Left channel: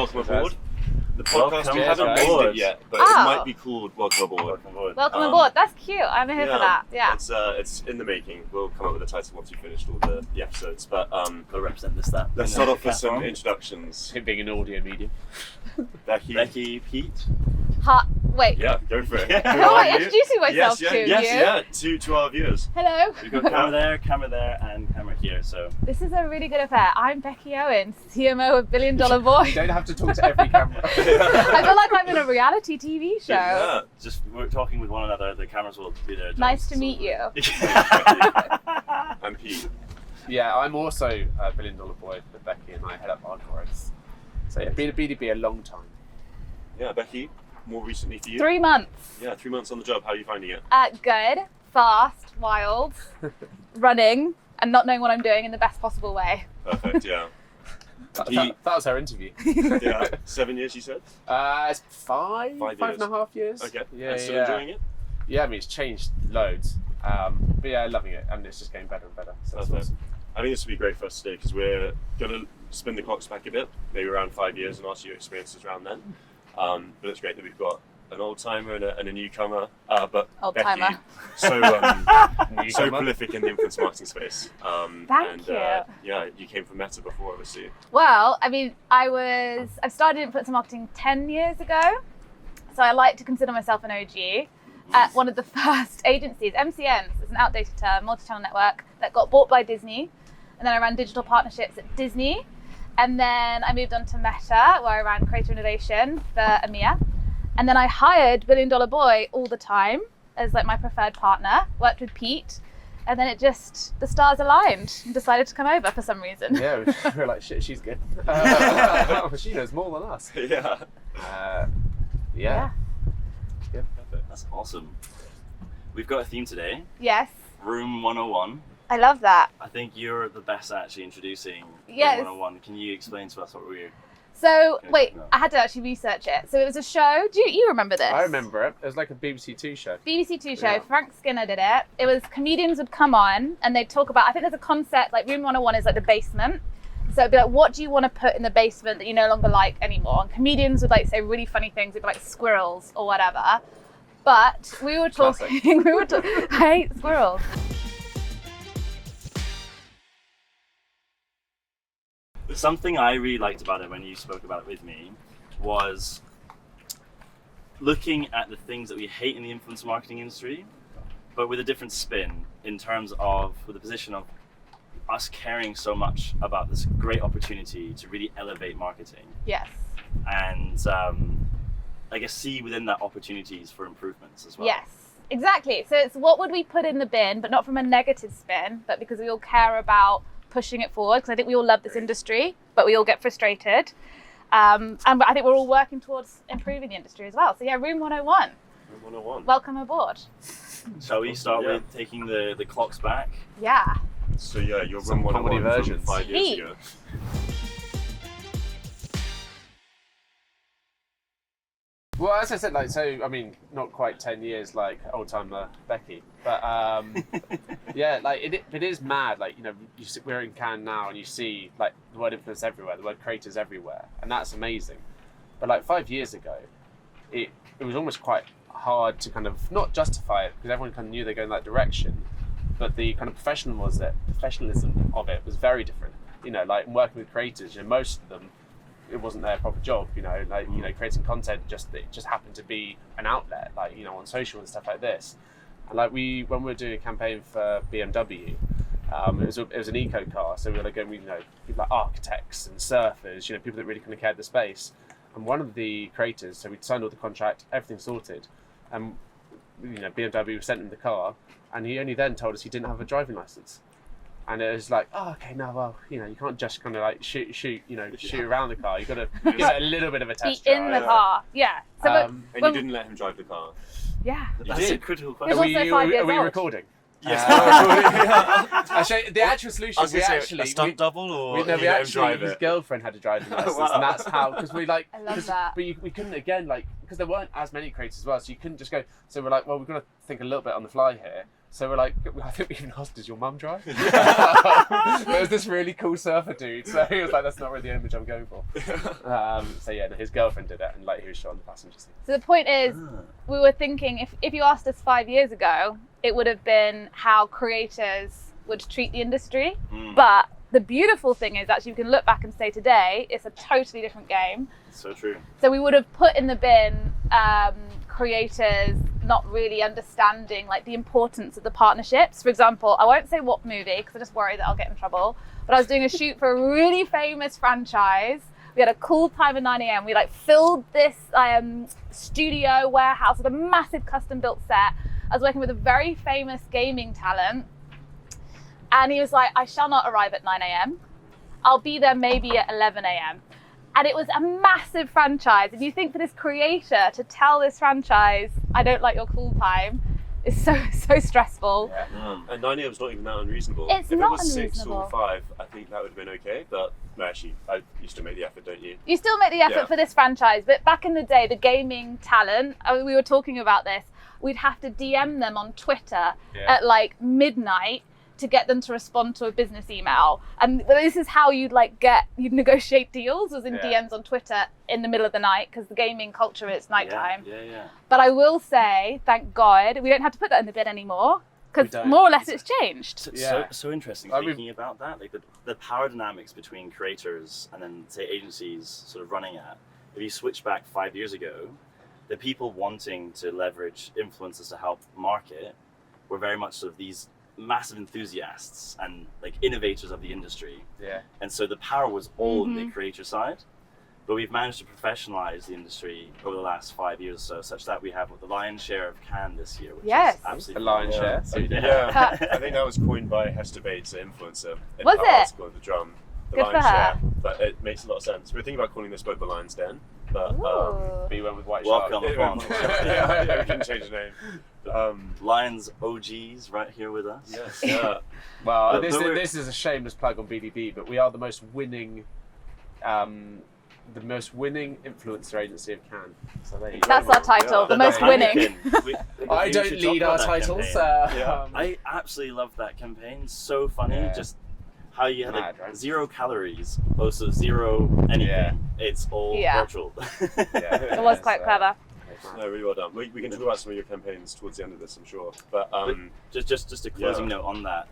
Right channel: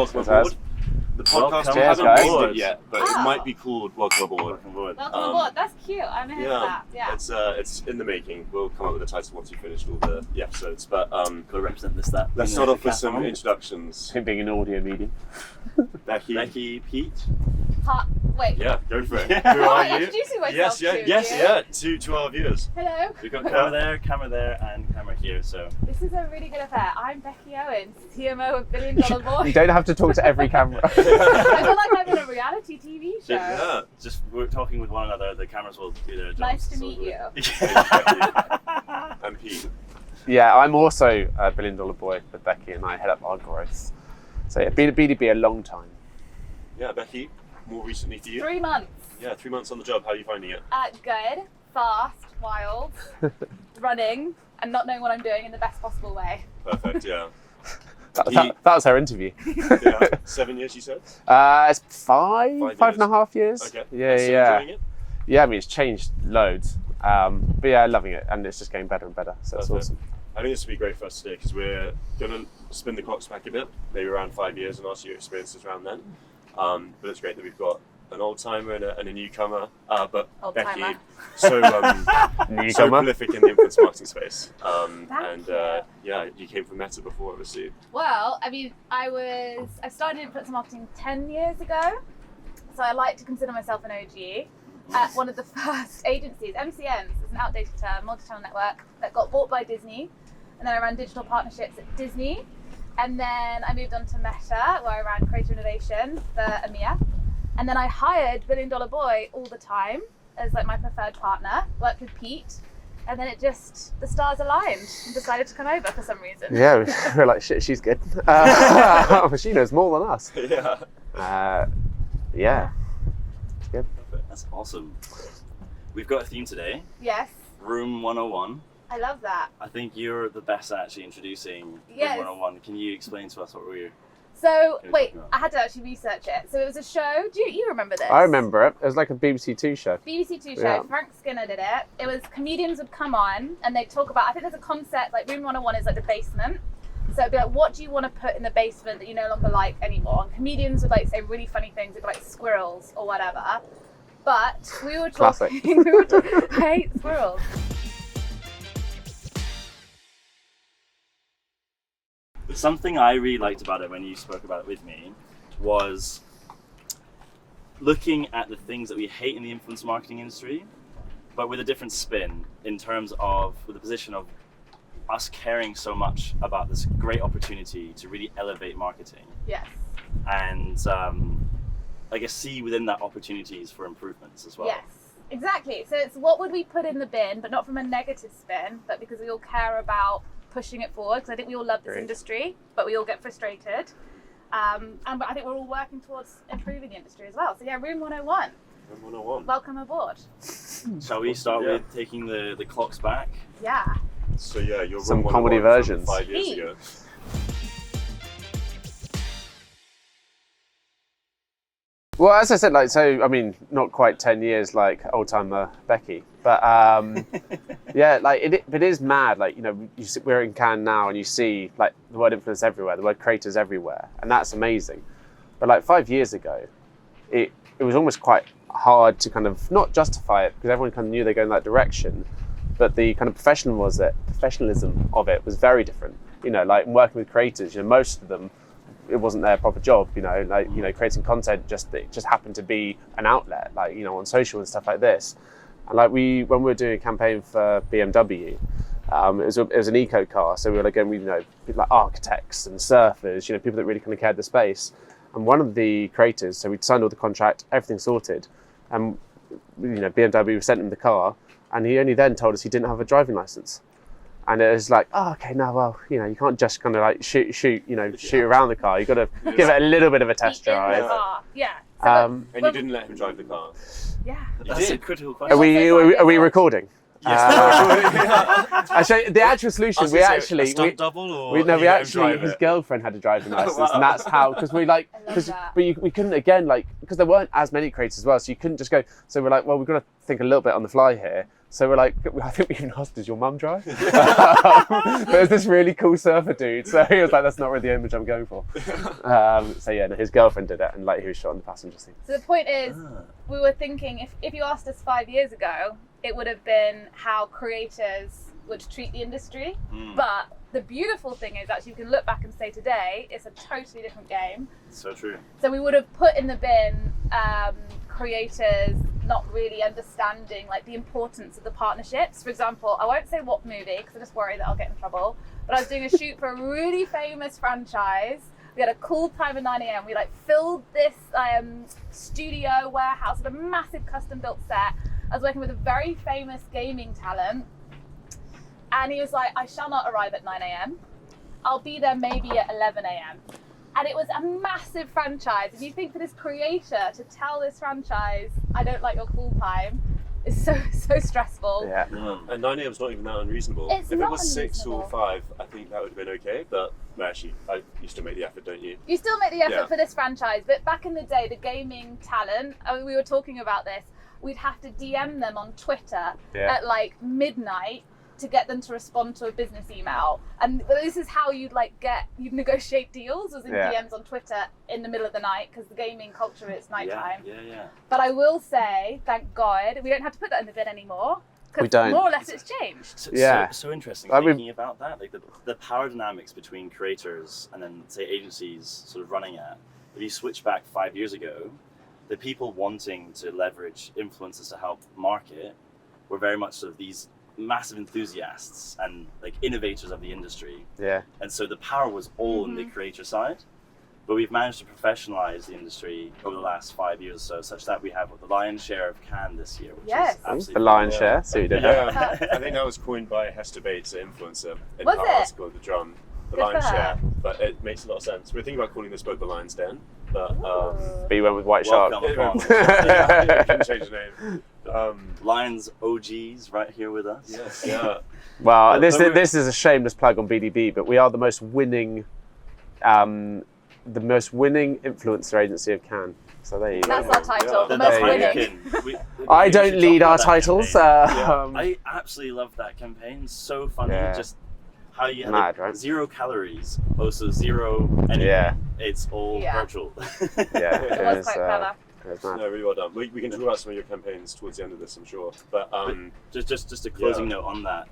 welcome aboard. The podcast, we haven't named it yet, but it might be called Welcome Aboard. Welcome aboard. Welcome aboard. That's cute. I'm here for that. Yeah. It's in the making. We'll come up with a title once we finished all the episodes. But got to represent this. That. Let's start off with some introductions. Being an audio medium. Becky, Piet. Wait. Yeah, go for it. Who are you? Introducing myself to our viewers. Hello. We've got camera there, and camera here. So this is a really good affair. I'm Becky Owen, CMO of Billion Dollar Boy. You don't have to talk to every camera. I feel like I'm in a reality TV show. Yeah. Just we're talking with one another. The cameras will do their job. Nice to meet you. I'm Pete. Yeah, I'm also a $1 billion boy with Becky, and I head up our growth. So yeah, been a long time. Yeah, Becky, more recently for you. 3 months. Yeah, 3 months on the job. How are you finding it? Good, fast, wild, running, and not knowing what I'm doing in the best possible way. Perfect. Yeah. That was her interview. Yeah. 7 years, you said? It's five and a half years. Okay. Yeah, and still enjoying it? Yeah, I mean, it's changed loads. But yeah, loving it, and it's just getting better and better. So that's awesome. I think this will be great for us today because we're going to spin the clocks back a bit, maybe around 5 years, and ask you your experiences around then. But it's great that we've got an old timer and a newcomer. But Becky, so prolific in the influence marketing space. You came from Meta before, obviously. Well, I mean, I started influencer marketing 10 years ago, so I like to consider myself an OG. At one of the first agencies, MCNs, it's an outdated term, multi-channel network, that got bought by Disney. And then I ran digital partnerships at Disney. And then I moved on to Meta, where I ran creative innovation for EMEA. And then I hired $1 Billion Boy all the time as like my preferred partner, worked with Pete. And then the stars aligned and decided to come over for some reason. Yeah, we're like, shit, she's good. She knows more than us. Yeah. Good. That's awesome. We've got a theme today. Yes. Room 101. I love that. I think you're the best at actually introducing Room 101. Can you explain to us what we're... So, wait, I had to actually research it. So it was a show. Do you remember this? I remember it. It was like a BBC Two show. BBC Two show. Yeah. Frank Skinner did it. It was comedians would come on and they'd talk about, I think there's a concept, like Room 101 is like the basement. So it'd be like, what do you want to put in the basement that you no longer like anymore? And comedians would like say really funny things, it'd be like squirrels or whatever. But we were talking, I hate squirrels. Something I really liked about it when you spoke about it with me was looking at the things that we hate in the influence marketing industry, but with a different spin in terms of with the position of us caring so much about this great opportunity to really elevate marketing. Yes. And I guess see within that opportunities for improvements as well. Yes, exactly. So it's what would we put in the bin, but not from a negative spin, but because we all care about pushing it forward. Because I think we all love this industry, but we all get frustrated. And I think we're all working towards improving the industry as well. So yeah, Room 101. Room 101. Welcome aboard. Shall we start with taking the clocks back? Yeah. So yeah, you're Some Room 101 versions. from 5 years ago. Well, as I said, I mean, not quite 10 years like old-timer Becky, but it is mad. We're in Cannes now and you see like the word influence everywhere, the word creators everywhere, and that's amazing. But like 5 years ago, it was almost quite hard to kind of not justify it because everyone kind of knew they're going that direction, but the kind of professionalism of it was very different. Like working with creators, most of them, it wasn't their proper job, creating content just happened to be an outlet, on social and stuff like this. And when we were doing a campaign for BMW, it was an eco car, so we were going with people like architects and surfers, people that really kind of cared the space. And one of the creators, so we'd signed all the contract, everything sorted, and BMW sent him the car, and he only then told us he didn't have a driving license. And it was like, oh, okay, no, well, you can't just kind of like shoot around the car. You've got to give it a little bit of a test drive. In the car, yeah. So and you didn't let him drive the car? Yeah. That's a critical question. Are we recording? Yes. Actually, the actual solution, a stunt double, or his girlfriend had a driving license, and that's how, because we we couldn't again, because there weren't as many creators as well, so you couldn't just go. So we're like, well, we've got to think a little bit on the fly here. So we're like, I think we even asked, does your mum drive? There's this really cool surfer dude. So he was like, that's not really the image I'm going for. So yeah, no, his girlfriend did it, and like he was shot on the passenger seat. So the point is, we were thinking if you asked us 5 years ago, it would have been how creators would treat the industry. But the beautiful thing is actually we can look back and say today, it's a totally different game. So true. So we would have put in the bin creators not really understanding like the importance of the partnerships. For example, I won't say what movie because I just worry that I'll get in trouble, but I was doing a shoot for a really famous franchise. We had a cool time at 9 a.m. We like filled this studio warehouse with a massive custom built set. I was working with a very famous gaming talent, and he was like, I shall not arrive at 9 a.m. I'll be there maybe at 11 a.m. And it was a massive franchise. And you think for this creator to tell this franchise, I don't like your cool time, is so stressful. Yeah. And 9 a.m. is not even that unreasonable. It's if not it was 6 unreasonable. or 5, I think that would have been okay. But no, actually, you still make the effort, don't you? You still make the effort Yeah. for this franchise, but back in the day, the gaming talent, I mean, we were talking about this, we'd have to DM them on Twitter at like midnight to get them to respond to a business email. And this is how you'd negotiate deals, was in DMs on Twitter in the middle of the night, because the gaming culture is nighttime. Yeah. But I will say, thank God, we don't have to put that in the bin anymore, We because don't. more or less it's changed. So interesting I mean- thinking about that, like the power dynamics between creators and then say agencies sort of running at. If you switch back 5 years ago, the people wanting to leverage influencers to help market were very much sort of these massive enthusiasts and like innovators of the industry. Yeah. And so the power was all on the creator side. But we've managed to professionalize the industry over the last 5 years or so, such that we have the lion's share of Cannes this year, which Yes. is absolutely The lion's share. So you did. Yeah, I think that was coined by Hester Bates, an influencer, in Was her it? article of the drum. The Good for lion's her. share, but it makes a lot of sense. We were thinking about calling this boat the Lion's Den, but But you went with White Shark. Welcome. yeah, we can change the name. Lions OGs right here with us. Yes, yeah. Well, But we're- this is a shameless plug on BDB, but we are the most winning influencer agency of Cannes. So there you go. That's our title, Yeah. the most The winning. Heineken. We I should don't talk lead about our that titles. campaign. I absolutely love that campaign. So funny. Yeah. Just how you had Mad, right? 0 calories, also 0 anything. Yeah. It's all Yeah. virtual. Yeah, It was quite clever. It was mad. No, really well done. We can talk about some of your campaigns towards the end of this, I'm sure. But Just a closing note on that.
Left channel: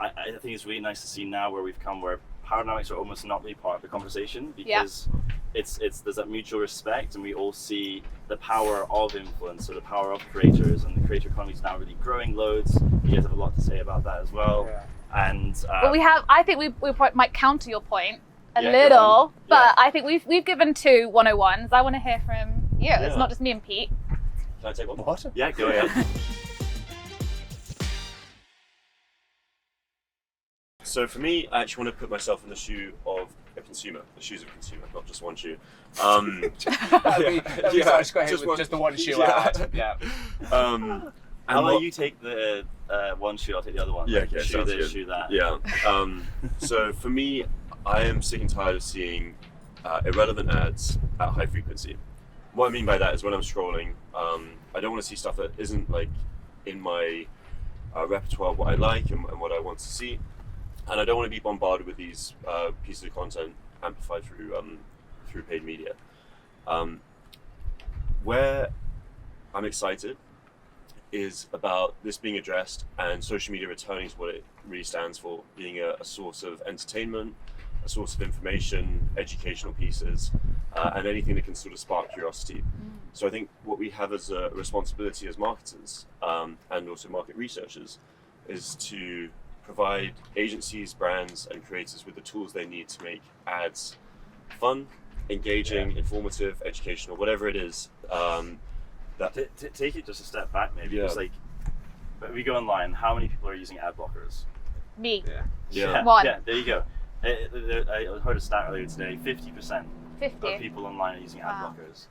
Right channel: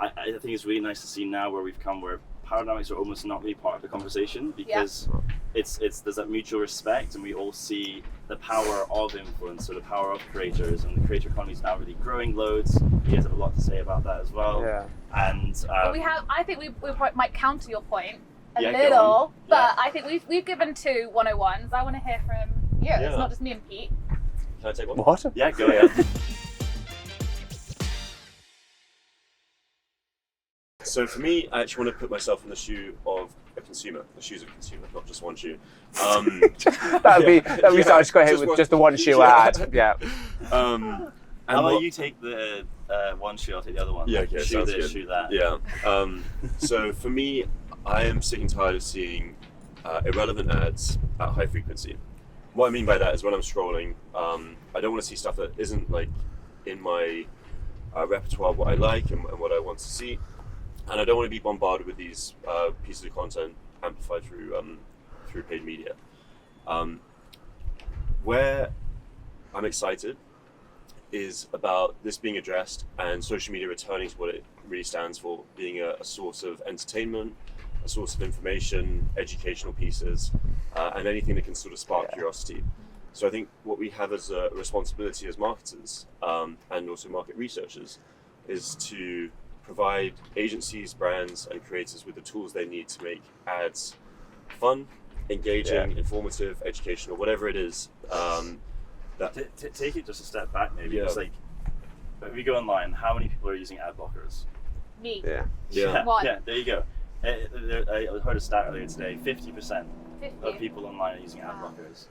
I think it's really nice to see now where we've come, where power dynamics are almost not really part of the conversation, because it's there's that mutual respect, and we all see the power of influence, or the power of creators, and the creator economy is now really growing loads. You guys have a lot to say about that as well. Yeah. And But I think we might counter your point a Yeah, go little, on. but I think we've given 2 101s. I want to hear from you. Yeah. It's not just me and Pete. can I take one? What? yeah, go ahead. So for me, I actually want to put myself in the shoe of a consumer, the shoes of a consumer, not just one shoe. That'd be such great with just the one shoe ad. Yeah. And How about what- you take the one shoe, I'll take the other one. Yeah, okay, Shoe sounds this, good. shoe that. Yeah. So for me, I am sick and tired of seeing irrelevant ads at high frequency. What I mean by that is when I'm scrolling, I don't want to see stuff that isn't like in my repertoire of what I like and what I want to see, and I don't want to be bombarded with these pieces of content amplified through paid media. Where I'm excited is about this being addressed and social media returning to what it really stands for, being a source of entertainment, a source of information, educational pieces, and anything that can sort of spark curiosity. So I think what we have as a responsibility as marketers and also market researchers is to provide agencies, brands, and creators with the tools they need to make ads fun, engaging, informative, educational, whatever it is. Take it just a step back, maybe. Yeah. It's like, when we go online, how many people are using ad blockers? Me. Yeah. Yeah. One. Yeah, there you go. I heard a stat earlier today, 50% 50. of people online are using ad Wow. blockers.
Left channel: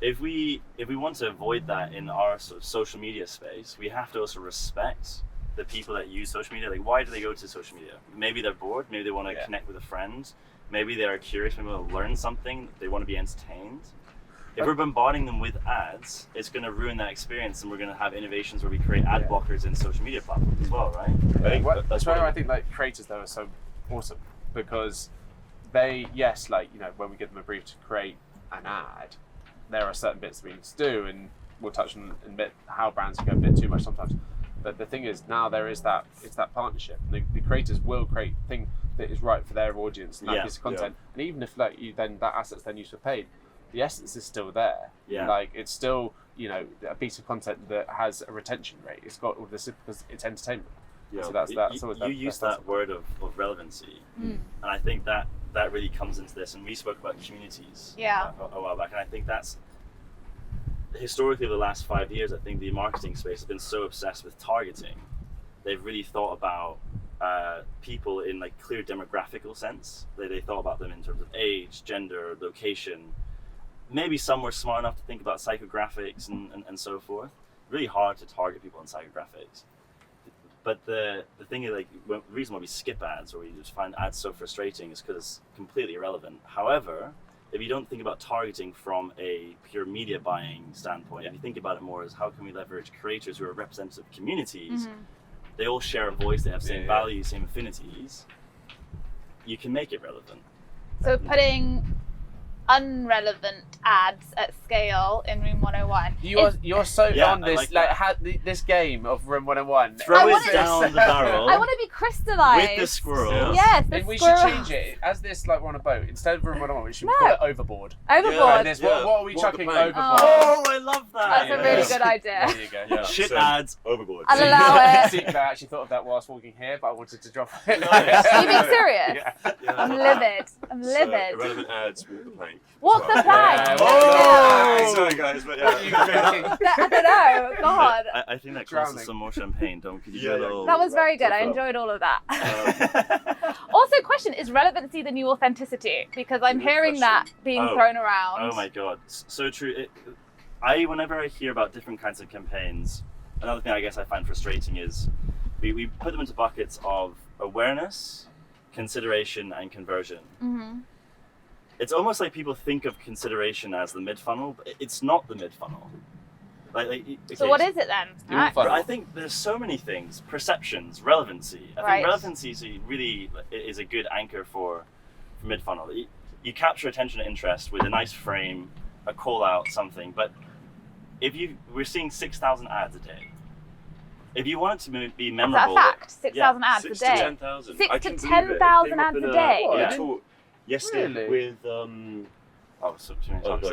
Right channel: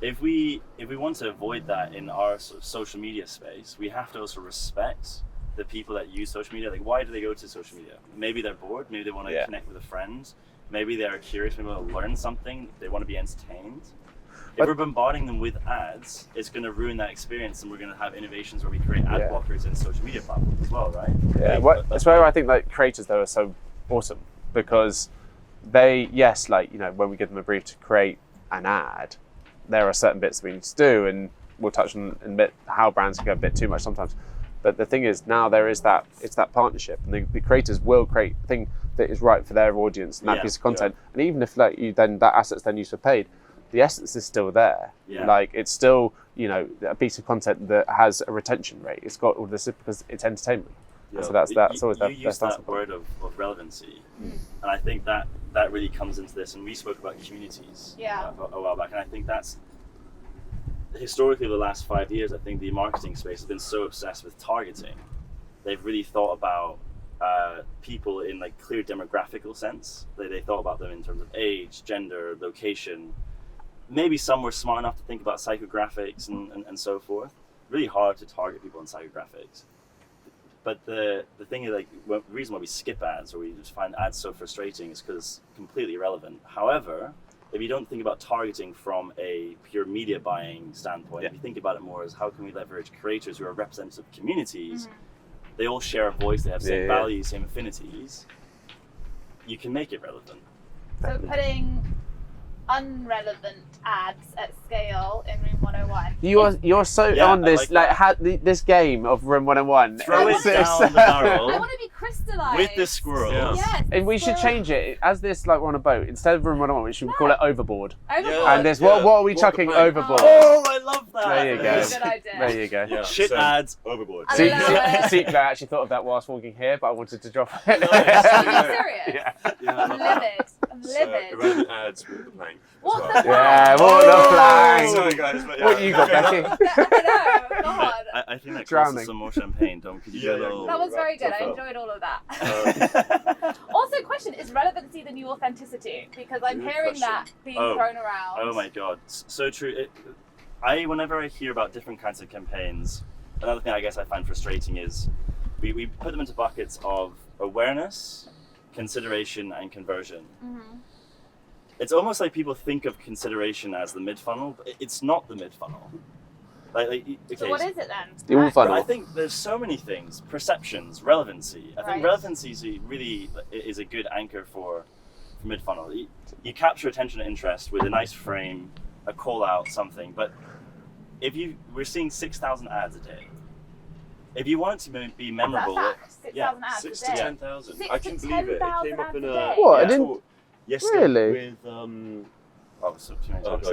If we want to avoid that in our sort of social media space, we have to also respect the people that use social media. Like, why do they go to social media? Maybe they're bored, maybe they want to connect with a friend, maybe they're curious, maybe they want to learn something, they want to be entertained. If we're bombarding them with ads, it's going to ruin that experience, and we're going to have innovations where we create ad blockers in social media platforms as well, right? That's where I think like creators though are so awesome, because they, yes, like, you know, when we give them a brief to create an ad, there are certain bits we need to do, and we'll touch on in a bit how brands can go a bit too much sometimes. But the thing is, now there is that, it's that partnership, and the creators will create a thing that is right for their audience and that piece of content. And even if like you then that asset's then used for paid, the essence is still there. Like it's still, you know, a piece of content that has a retention rate. It's got all this because it's entertainment. So that's always you use that word of relevancy, and I think that really comes into this. And we spoke about communities a while back, and I think that's historically the last 5 years. I think the marketing space has been so obsessed with targeting. They've really thought about people in like clear demographical sense. They thought about them in terms of age, gender, location. Maybe some were smart enough to think about psychographics and so forth. Really hard to target people on psychographics. But the thing is, like, the reason why we skip ads or we just find ads so frustrating is because it's completely irrelevant. However, if you don't think about targeting from a pure media buying standpoint, if you think about it more as how can we leverage creators who are representative communities, they all share a voice, they have same values, same affinities, you can make it relevant. So putting unrelevant ads at scale in Room 101. You're so on this, this game of Room 101. Throw it down the barrel. I want to be crystallized. With the squirrels. Yes, and we should change it. As this, like, we're on a boat, instead of Room 101, we should call it Overboard. Overboard. And this, what are we chucking overboard? Oh, I love that. That's a really good idea. There you go. Yeah. Shit ads. Overboard. And allow it. See, I actually thought of that whilst walking here, but I wanted to drop it. Nice. Are you being serious? Yeah. I'm livid. I'm So, livid. irrelevant ads with the plank. What's as the well. plank? Sorry guys, but yeah. What are you thinking? I don't know. God. I think that calls Drowning. for some more champagne. Could you do a little... That was very good. I Tough up. enjoyed all of that. Also, question, is relevancy the new authenticity? Because I'm Good hearing question. that being thrown around. Oh my god, so true. Whenever I hear about different kinds of campaigns, another thing I guess I find frustrating is we put them into buckets of awareness, consideration, and conversion. It's almost like people think of consideration as the mid-funnel, but it's not the mid-funnel. Okay, So what is it then? The funnel. I think there's so many things. Perceptions, relevancy. I Right. think relevancy really is a good anchor for mid-funnel. You capture attention and interest with a nice frame, a call out, something. But we're seeing 6,000 ads a day. If you want it to be memorable, Is that a fact? 6,000 ads 6 a to day. 10,000. 6 I to can believe it. It 10,000 came up ads in a day. What? talk yesterday Really? with so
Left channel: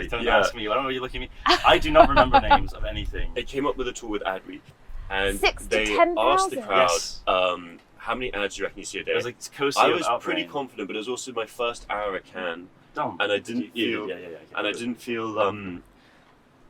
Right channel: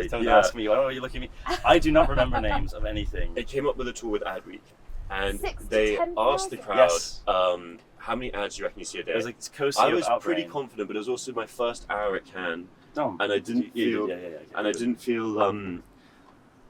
don't yeah. ask me. I don't know why you're looking at me. I do not remember names of anything. It came up with a tool with Ad Week, and 6 to they 10,000. asked the crowd, Yes. how many ads do you reckon you see a day? It was like I was pretty confident, but it was also my first hour at Cannes, and I didn't feel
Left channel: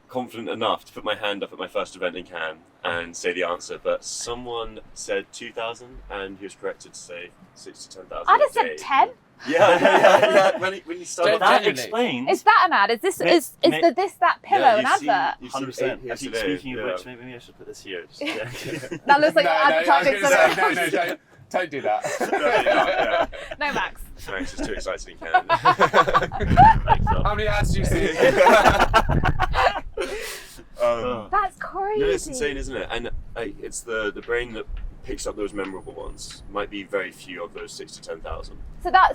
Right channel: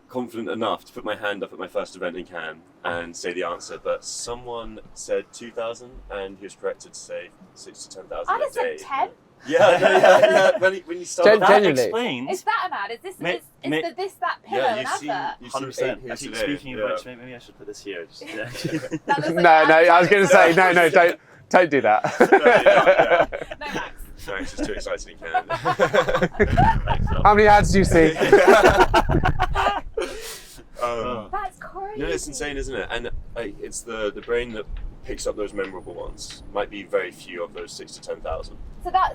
confident enough to put my hand up at my first event in Cannes and say the answer. But someone said 2,000, and he was corrected to say 6 to 10,000 I'd a have day. said 10. Yeah. When you started, That Genuinely. explains. Is that an ad? Is this is the this that pillow an advert? you've 100%. seen 8 here Actually, today. speaking of which, maybe I should put this here. Just, That looks like No, an I was going to say, advertising don't do that. Yeah. No, Max. Sorry, it's just too exciting in Cannes. How many ads do you see? That's crazy. No, it's insane, isn't it? And it's the brain that picks up those memorable ones. Might be very few of those 6 to 10,000.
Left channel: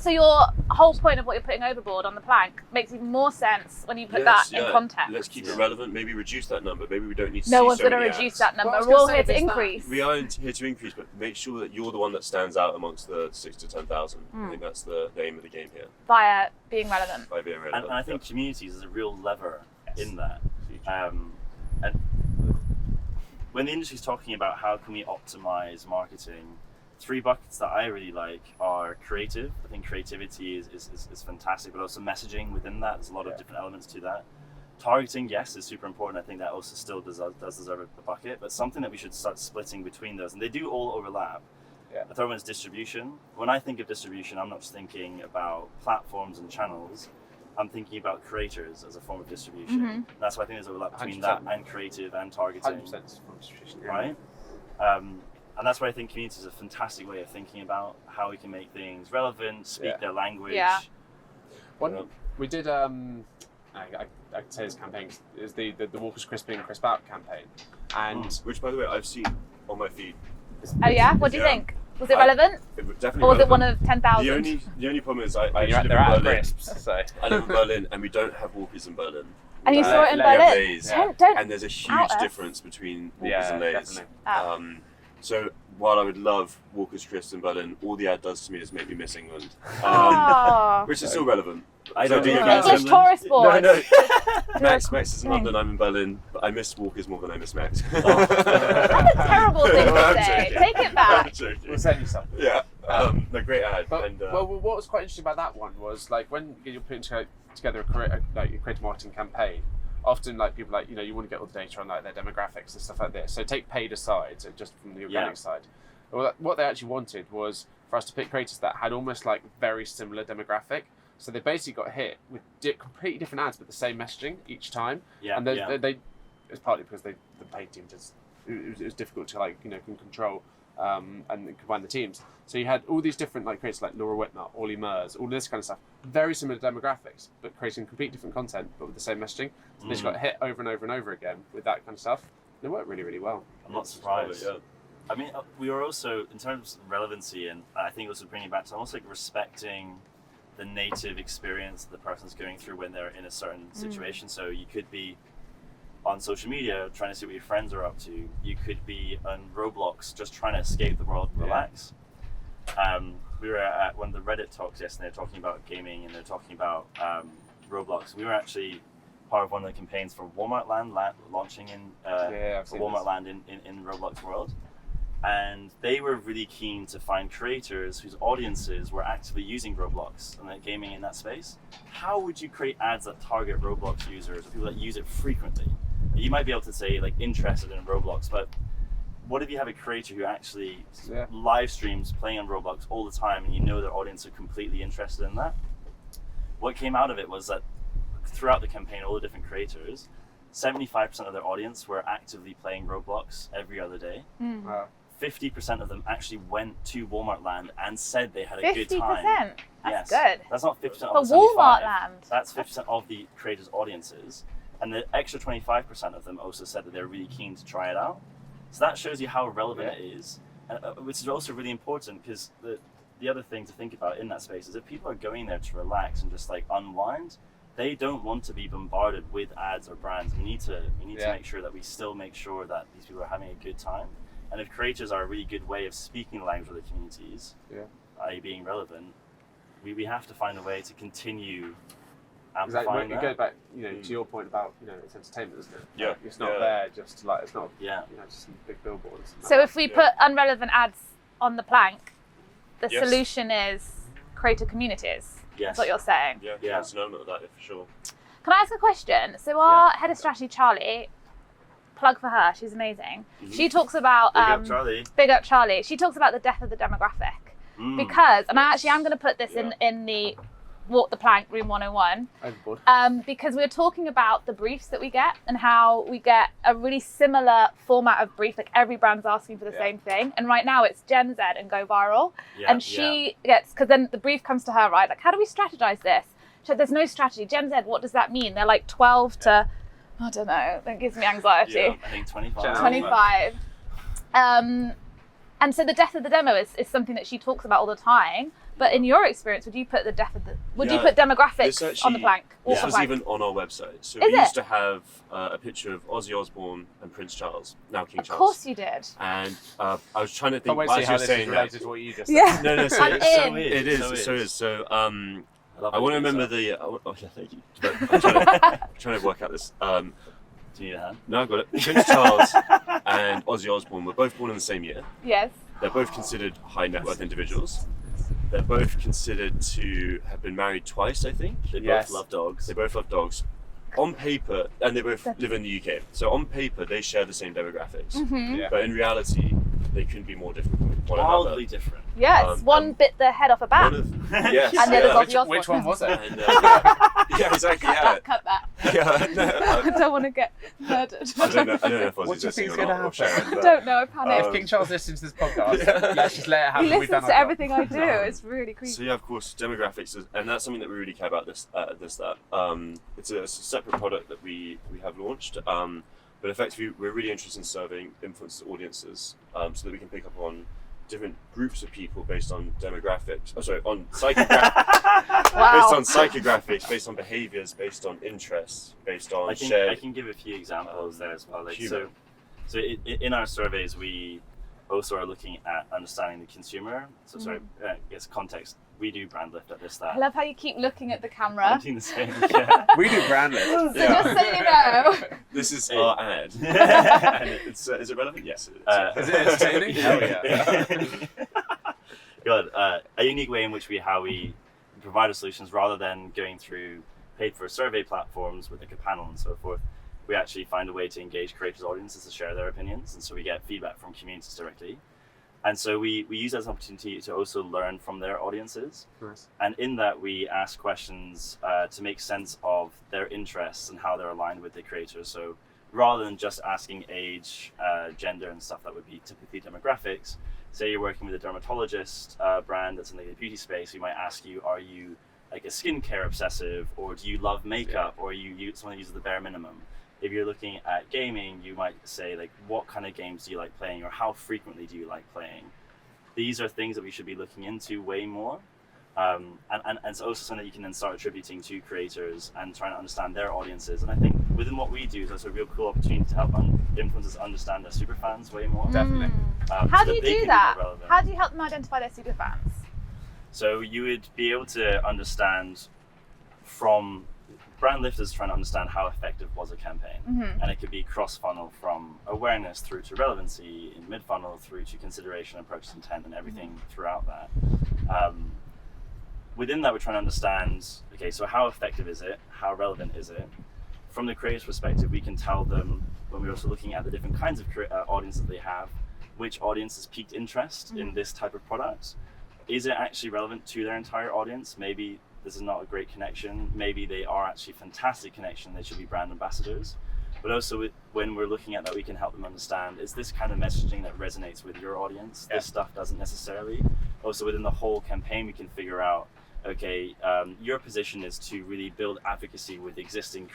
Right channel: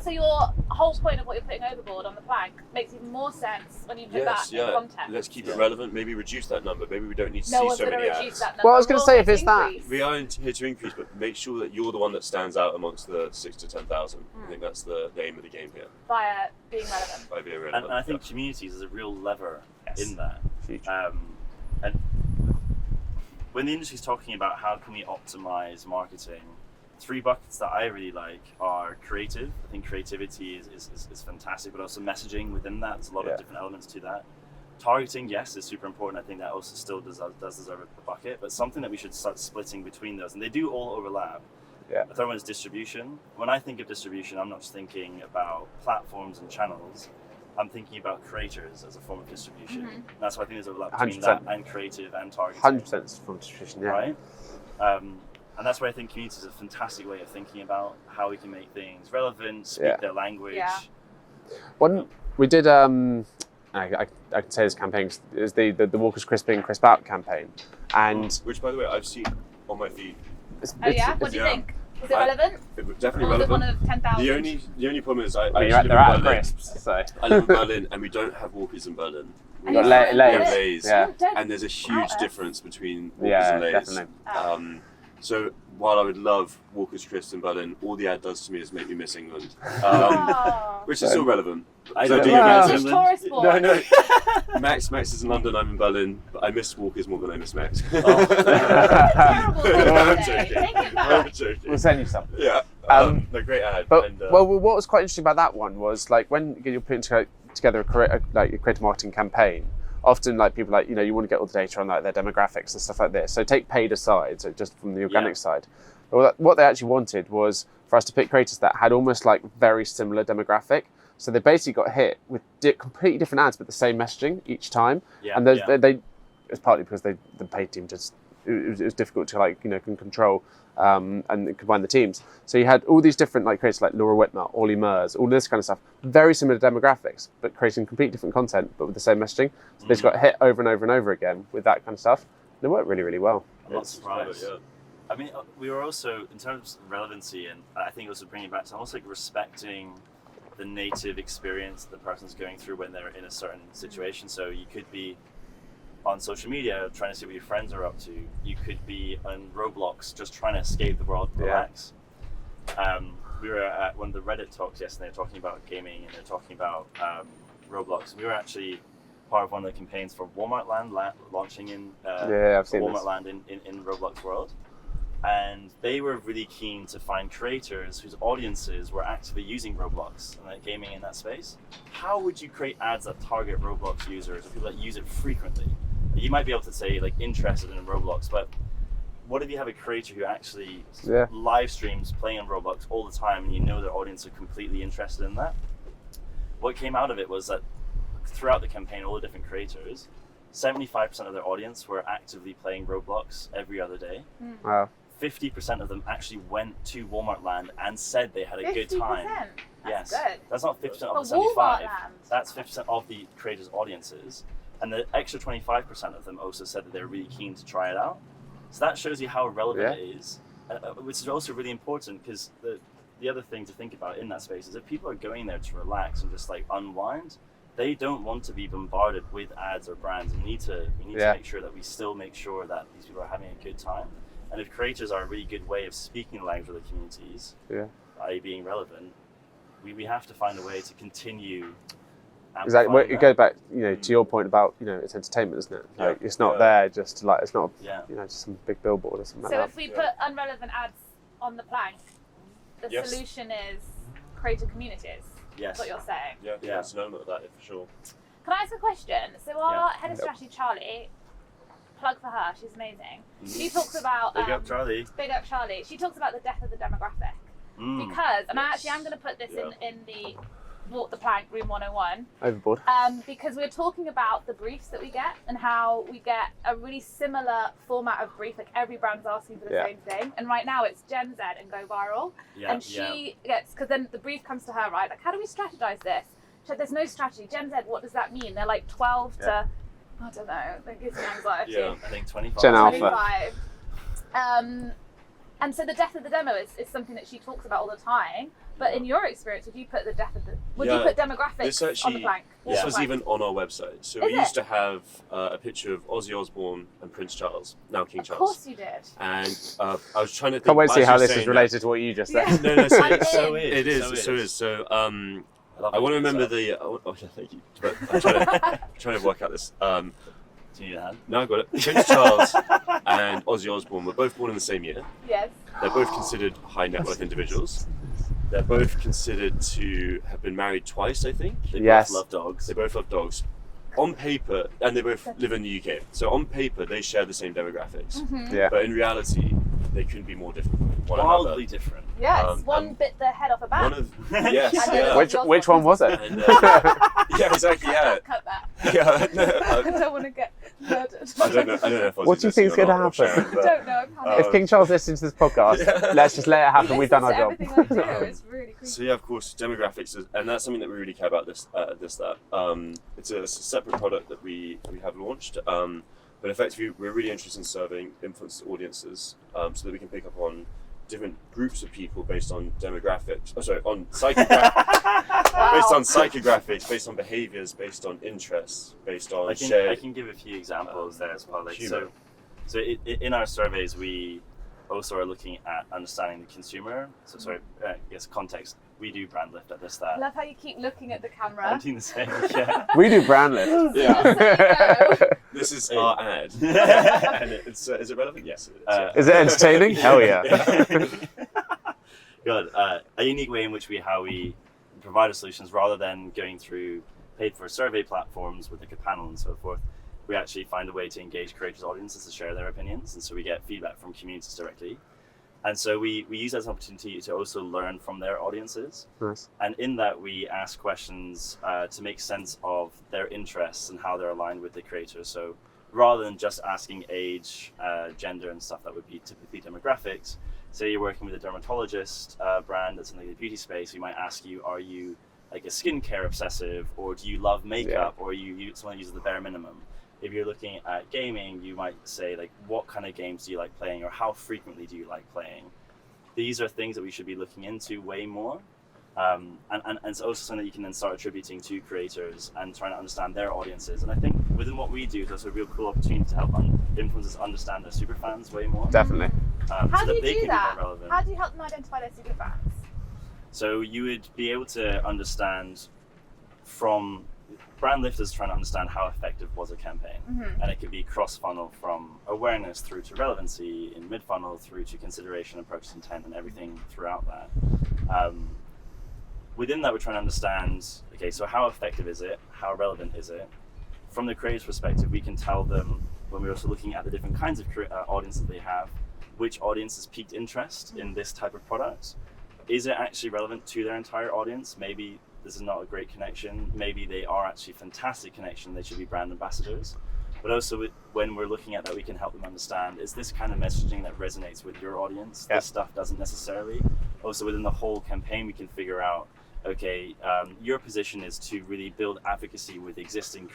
So your whole point of what you're putting overboard on the plank makes even more sense when you put that in context. Let's keep it relevant. Maybe reduce that number. Maybe we don't need to No see one's so going to many reduce ads. that number. Well, I was gonna We're all say, here if to it's that- increase. We are here to increase, but make sure that you're the one that stands out amongst the 6 to 10,000. I think that's the name of the game here. Via being relevant. By being relevant. and I think communities is a real lever in that. Huge. And when the industry's talking about how can we optimize marketing, 3 buckets that I really like are creative. I think creativity is fantastic, but also messaging within that. There's a lot of different elements to that. Targeting, yes, is super important. I think that also still does deserve a bucket, but something that we should start splitting between those, and they do all overlap. Yeah. The third one is distribution. When I think of distribution, I'm not just thinking about platforms and channels. I'm thinking about creators as a form of distribution. That's why I think there's overlap between 100%. that and creative and targeting. 100% from nutrition, yeah. Right? And that's why I think community is a fantastic way of thinking about how we can make things relevant, speak their language. Yeah. We did I could say this campaign, it was the Walker's Crisp In, Crisp Out campaign. And which, by the way, I've seen on my feed. Oh yeah? What do you think? Was it relevant? It was definitely Or was it relevant. one of 10,000? The only problem is I you're actually live they're out in of Berlin. crisps, so. I live in Berlin, and we don't have Walkers in Berlin. And you Yeah. saw it in Let- We have Berlin? Lay's, Yeah. Don't and there's a huge out us. difference between Walkers Yeah, and Lay's. definitely. Oh. So while I would love Walker's Crisps in Berlin, all the ad does to me is make me miss England, Oh. which is still relevant. I So don't do know you about guys- British tourist board. No. Max is in London, I'm in Berlin, but I miss Walkers more than I miss Max. What a terrible thing I'm to say. joking. Take it I'm back. joking. We'll send you some. Yeah, no, great ad. But and, well, what was quite interesting about that one was like when you're putting together a creative marketing campaign. Often, like people like you want to get all the data on like their demographics and stuff like this. So take paid aside, so just from the organic side. What they actually wanted was for us to pick creators that had almost like very similar demographic. So they basically got hit with completely different ads, but the same messaging each time. Yeah, And they it's partly because the paid team just it was difficult to can control and combine the teams. So you had all these different like creators like Laura Whitmer, Ollie Murs, all this kind of stuff. Very similar demographics, but creating completely different content, but with the same messaging. So they just got hit over and over and over again with that kind of stuff. And it worked really, really well. I'm not surprised. Yeah. I mean, we were also, in terms of relevancy, and I think also bringing it back to almost like respecting the native experience the person's going through when they're in a certain situation. So you could be on social media trying to see what your friends are up to. You could be on Roblox just trying to escape the world, relax. We were at one of the Reddit talks yesterday talking about gaming, and they're talking about Roblox. We were actually part of one of the campaigns for Walmart Land launching in I've seen Walmart this. Land in Roblox World. And they were really keen to find creators whose audiences were actively using Roblox and like gaming in that space. How would you create ads that target Roblox users or people that use it frequently? You might be able to say like interested in Roblox, but what if you have a creator who actually live streams playing on Roblox all the time and you know their audience are completely interested in that? What came out of it was that throughout the campaign, all the different creators, 75% of their audience were actively playing Roblox every other day. Wow. 50% of them actually went to Walmart Land and said they had a good time. 50%? That's Yes. good. That's not 50% For of the 75. Walmart Land. That's 50% of the creators' audiences. And the extra 25% of them also said that they're really keen to try it out. So that shows you how relevant it is, which is also really important because the other thing to think about in that space is if people are going there to relax and just like unwind, they don't want to be bombarded with ads or brands. We need to make sure that we still make sure that these people are having a good time. And if creators are a really good way of speaking the language of the communities, i.e. being relevant, we have to find a way to continue Exactly. Well, amplifying it that. goes back, to your point about, it's entertainment, isn't it? Yeah. Like, it's not there just to it's not, Yeah. just some big billboard or something. So like if we put unrelevant ads on the plank, the Yes. solution is creator communities. Yes. That's what you're saying. Yeah, it's an element of that, for sure. Can I ask a question? So our head of strategy, Charlie, plug for her, she's amazing. She talks about Big up, Charlie. Big up Charlie. She talks about the death of the demographic. Because, and I actually am going to put this in the Walk the Plank Room 101. Overboard. Because we're talking about the briefs that we get and how we get a really similar format of brief, like every brand's asking for the same thing. And right now it's Gen Z and go viral. And she gets, because then the brief comes to her, right? Like, how do we strategize this? She said, there's no strategy. Gen Z, what does that mean? They're like 12 to, I don't know, that gives me anxiety. Yeah, I think 25. Gen Alpha. 25. And so the death of the demo is something that she talks about all the time. But in your experience, would you put the death of the you put demographics on the plank? This Walk was the plank? even on our website. So Is we it? used to have a picture of Ozzy Osbourne and Prince Charles, now King Of Charles. course you did. And I was trying to think. Can't wait to as see you how were this is saying related to what you just said. Yeah. No, so I'm it's, in. it is. So I want to remember the. Oh yeah, thank you. But I'm trying to work out this. Do you need a hand? No, I got it. Prince Charles and Ozzy Osbourne were both born in the same year. Yes. They're both considered high net worth individuals. They're both considered to have been married twice, I think. They Yes. both love dogs. They both love dogs. On paper, and they both live in the UK. So on paper, they share the same demographics. Mm-hmm. Yeah. But in reality, they couldn't be more different from one another. Wildly different. Yes, one bit the head off a bat. Yes. And then Which one was it? And, yeah, exactly. Yeah. Cut that. Yeah. No, I don't want to get murdered. I don't know if I was What do you think's going to happen? Sharon, I but, don't know. I panicked. If King Charles listens to this podcast, Yeah. let's just let it He happen. We've listens done our to job. everything I do. It's really creepy. So yeah, of course, demographics, and that's something that we really care about. It's a separate product that we have launched, but effectively we're really interested in serving influencers audiences, so that we can pick up on different groups of people based on demographics. Oh, sorry, on psychographics, based on psychographics, based on behaviours, based on interests, based on shared. I can give a few examples there as well. Like, humor. so in our surveys, we also are looking at understanding the consumer. So sorry, I guess context. We do brand lift at I ThisThat's. love how you keep looking at the camera. I'm doing the same. Yeah. We do brand lift. Yeah. Just so you know. This is our ad. And is it relevant? Yes, it is. Yeah. Is it entertaining? Hell yeah. Good. A unique way in which we provide our solutions, rather than going through paid for survey platforms with like a panel and so forth, we actually find a way to engage creators' audiences to share their opinions, and so we get feedback from communities directly. And so we use that as an opportunity to also learn from their audiences. Nice. And in that, we ask questions to make sense of their interests and how they're aligned with the creators. So rather than just asking age, gender, and stuff that would be typically demographics, say you're working with a dermatologist brand that's in the beauty space, we might ask you, are you like a skincare obsessive, or do you love makeup, or are you someone who uses the bare minimum? If you're looking at gaming, you might say, like, what kind of games do you like playing, or how frequently do you like playing? These are things that we should be looking into way more. And it's also something that you can then start attributing to creators and trying to understand their audiences. And I think within what we do, there's a real cool opportunity to help influencers understand their superfans way more. Definitely. How so do you that they do can that? be more relevant. How do you help them identify their superfans? So you would be able to understand from brand lifters trying to understand how effective was a campaign. And it could be cross-funnel from awareness through to relevancy, in mid-funnel through to consideration and purchase intent, and everything throughout that. Within that, we're trying to understand, okay, so how effective is it? How relevant is it? From the creator's perspective, we can tell them, when we're also looking at the different kinds of audiences they have, which audience has piqued interest in this type of product. Is it actually relevant to their entire audience? Maybe this is not a great connection. Maybe they are actually a fantastic connection. They should be brand ambassadors. But also when we're looking at that, we can help them understand, is this kind of messaging that resonates with your audience? Yeah. This stuff doesn't necessarily. Also within the whole campaign, we can figure out, okay, your position is to really build advocacy with existing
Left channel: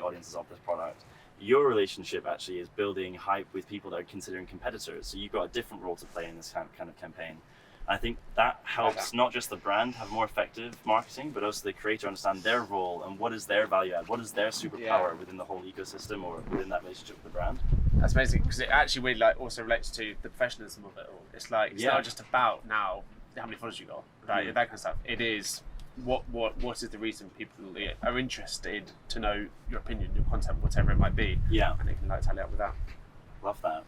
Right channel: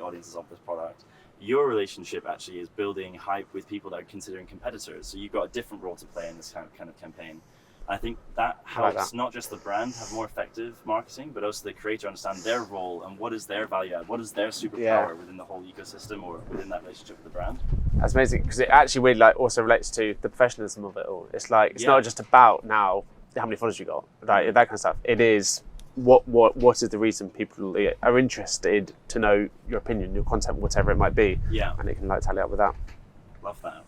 audiences of this product. Your relationship actually is building hype with people that are considering competitors. So you've got a different role to play in this kind of campaign. I think that helps not just the brand have more effective marketing, but also the creator understand their role and what is their value add, what is their superpower within the whole ecosystem or within that relationship with the brand. That's amazing, because it actually really also relates to the professionalism of it all. It's like it's not just about now how many followers you got, like that kind of stuff. It is what is the reason people are interested to know your opinion, your content, whatever it might be. Yeah, and it can tally up with that. Love that.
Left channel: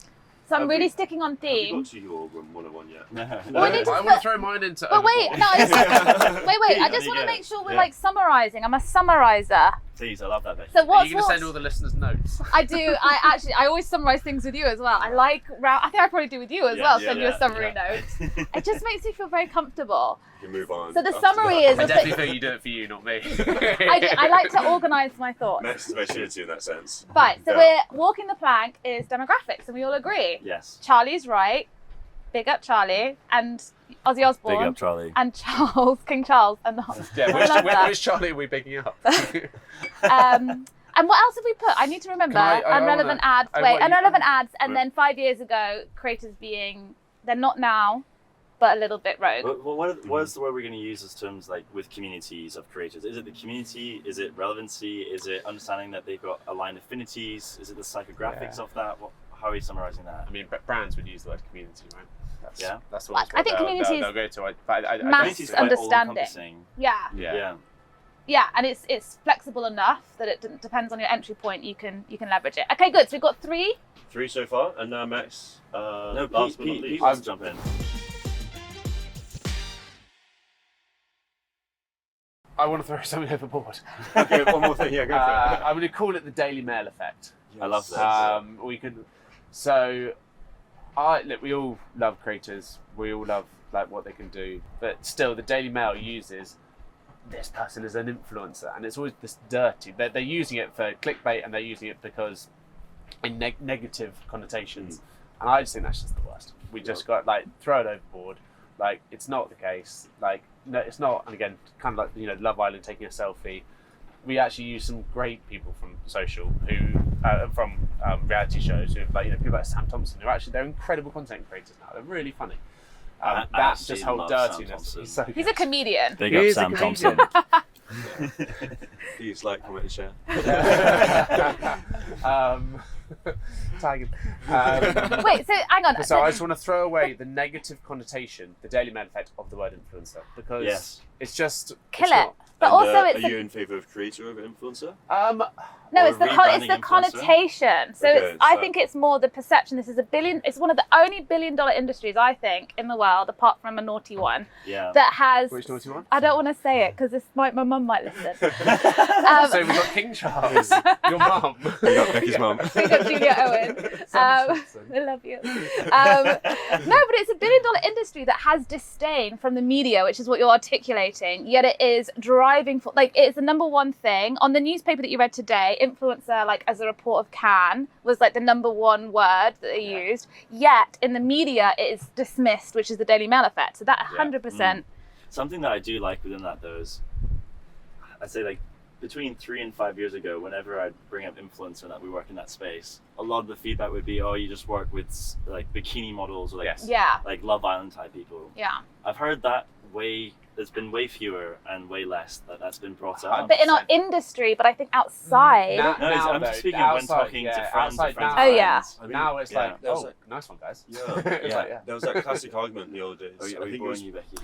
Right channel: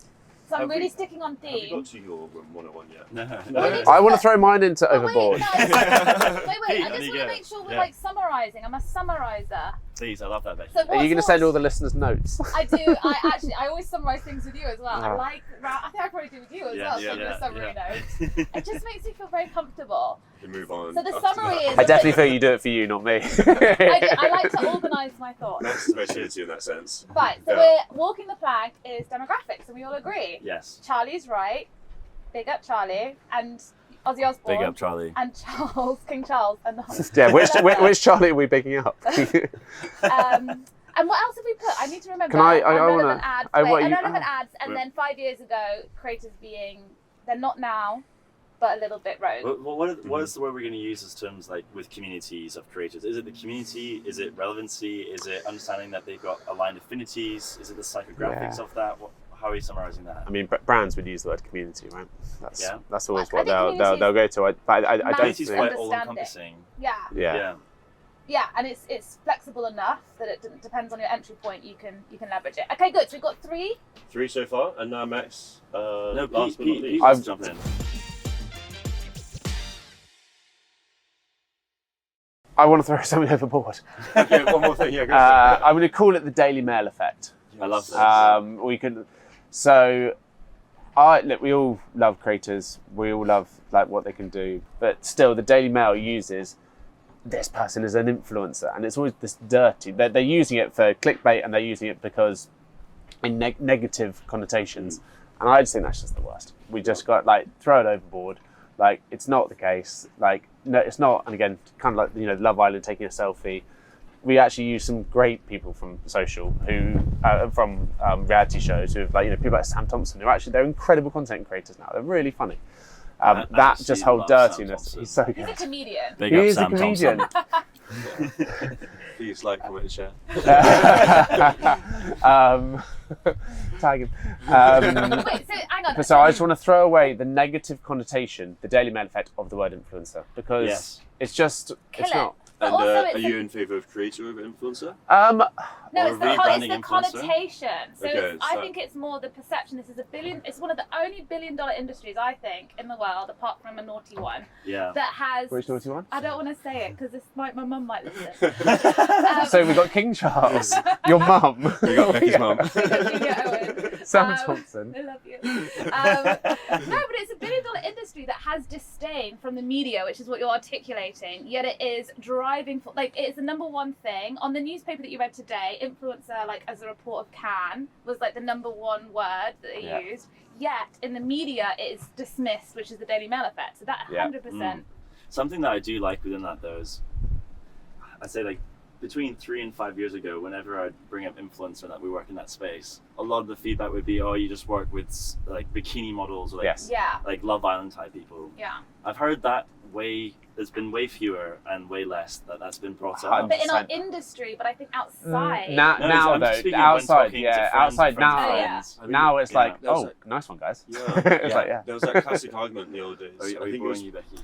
So I'm really sticking on theme. Have you got to your 101 yet? No. I want to throw mine into overboard. Wait, I just you want to go. make sure we're like summarising. I'm a summariser. Please, I love that, Becky. So Are you going to send all the listeners notes? I do. I always summarise things with you as well. I think I probably do with you as well. Send you a summary note. It just makes me feel very comfortable. You can move on. So the summary is. I definitely feel you do it for you, not me. I like to organise my thoughts. Max is very suited to you in that sense. Right. So we're walking the plank is demographics, and we all agree. Yes. Charlie's right. Big up Charlie and Ozzy Osbourne. Big up Charlie. And Charles, King Charles, and the whole. Yeah, which Charlie are we picking up? And what else have we put? I need to remember. Unrelevant ads. Unrelevant ads, and then 5 years ago, creators they're not now, but a little bit rogue. Well, what is the word we're going to use as terms like with communities of creators? Is it the community? Is it relevancy? Is it understanding that they've got aligned affinities? Is it the psychographics of that? How are you summarising that? I mean, brands would use the word community, right? That's always I what think they'll go to. I don't Community's think. quite all-encompassing. Yeah, and it's flexible enough that it depends on your entry point. You can leverage it. Okay, good. So we've got 3. 3 so far, and now Max. No, last but not Pete least. wants to jump in. I want to throw something overboard. Okay, one more thing. Yeah, go for it. I'm going to call it the Daily Mail effect. I love that. We can. So, look, we all love creators. We all love like what they can do, but still, the Daily Mail uses this person as an influencer, and it's always this dirty. They're using it for clickbait, and they're using it because in negative connotations, and I just think that's just the worst. We just got like throw it overboard. Like it's not the case. Like no, it's not. And again, kind of like Love Island taking a selfie. We actually use some great people from social who from reality shows who have people like Sam Thompson who they're incredible content creators now. They're really funny. That just whole dirtiness. He's so good. He's a comedian. Big up Sam Thompson. Please like, comment, and share. Tag him. Wait, so hang on. So I just want to throw away the negative connotation, the Daily Mail effect of the word influencer, because it's just Kill it's it. not. But And also are you in favour of creator over influencer? No, Or it's the, rebranding it's the connotation. So Okay, I so- think it's more the perception. This is it's one of the only $1 billion industries, I think, in the world, apart from a naughty one, Yeah. that has... Which naughty one? I don't want to say it, because my mum might listen. So we've got King Charles, your mum. You got Becky's mum. Becky Owen. Sam Thompson. I love you. No, but it's a $1 billion industry that has disdain from the media, which is what you're articulating, yet it is driving for... Like, it's the number one thing. On the newspaper that you read today, influencer, like, as a report of Cannes, was, like, the number one word that they used. Yet, in the media, it is dismissed, which is the Daily Mail effect. So that 100%... Something that I do like within that, though, is I'd say, like, between 3 and 5 years ago, whenever I'd bring up influencer and that we work in that space, a lot of the feedback would be, oh, you just work with, like, bikini models or, like, Yeah. like Love Island type people. Yeah. I've heard that there's been way fewer and way less that's been brought up. But in our industry, but I think outside... No, I'm just speaking of when talking to friends. Outside now, Oh, yeah. I mean, now it's like, that was oh, like- nice one, guys. Yeah, It's like, yeah. There was that classic argument in the old days. Are I you think it boring was you, Becky?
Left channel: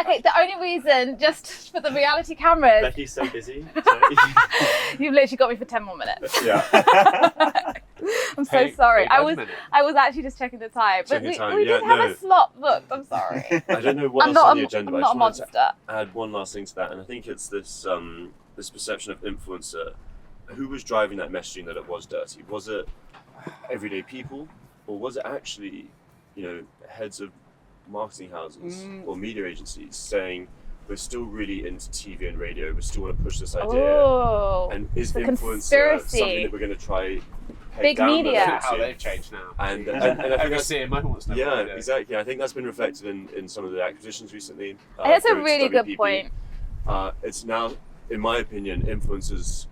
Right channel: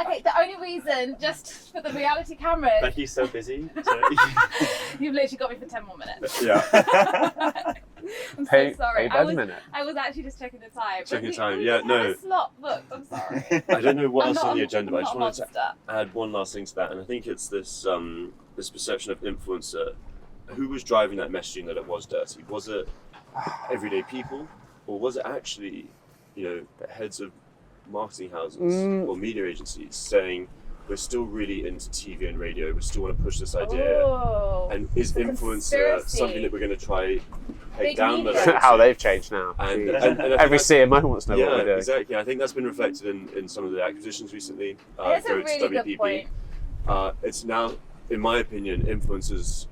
Okay, the only reason, just for the reality cameras, Becky's so busy. you've literally got me for 10 more minutes. yeah. I'm so sorry. Hey, I wait a was minute. actually just checking the time. Checking we, time, we yeah, didn't no. have a slot booked. I'm sorry. I don't know what I'm else not on the agenda, but I I'm just not a wanted to monster. add one last thing to that, and I think it's this this perception of influencer. Who was driving that messaging that it was dirty? Was it everyday people, or was it actually, the heads of marketing houses or media agencies saying we're still really into TV and radio, we still want to push this idea, Oh, and is the influencer conspiracy. something that we're going to try peg Big down the media. level How to? they've changed now. And I think Every that's- CMO wants to know what yeah, they're doing. exactly. I think that's been reflected in some of the acquisitions recently. That's a through really good WPP. point. It's now, in my opinion, influencers,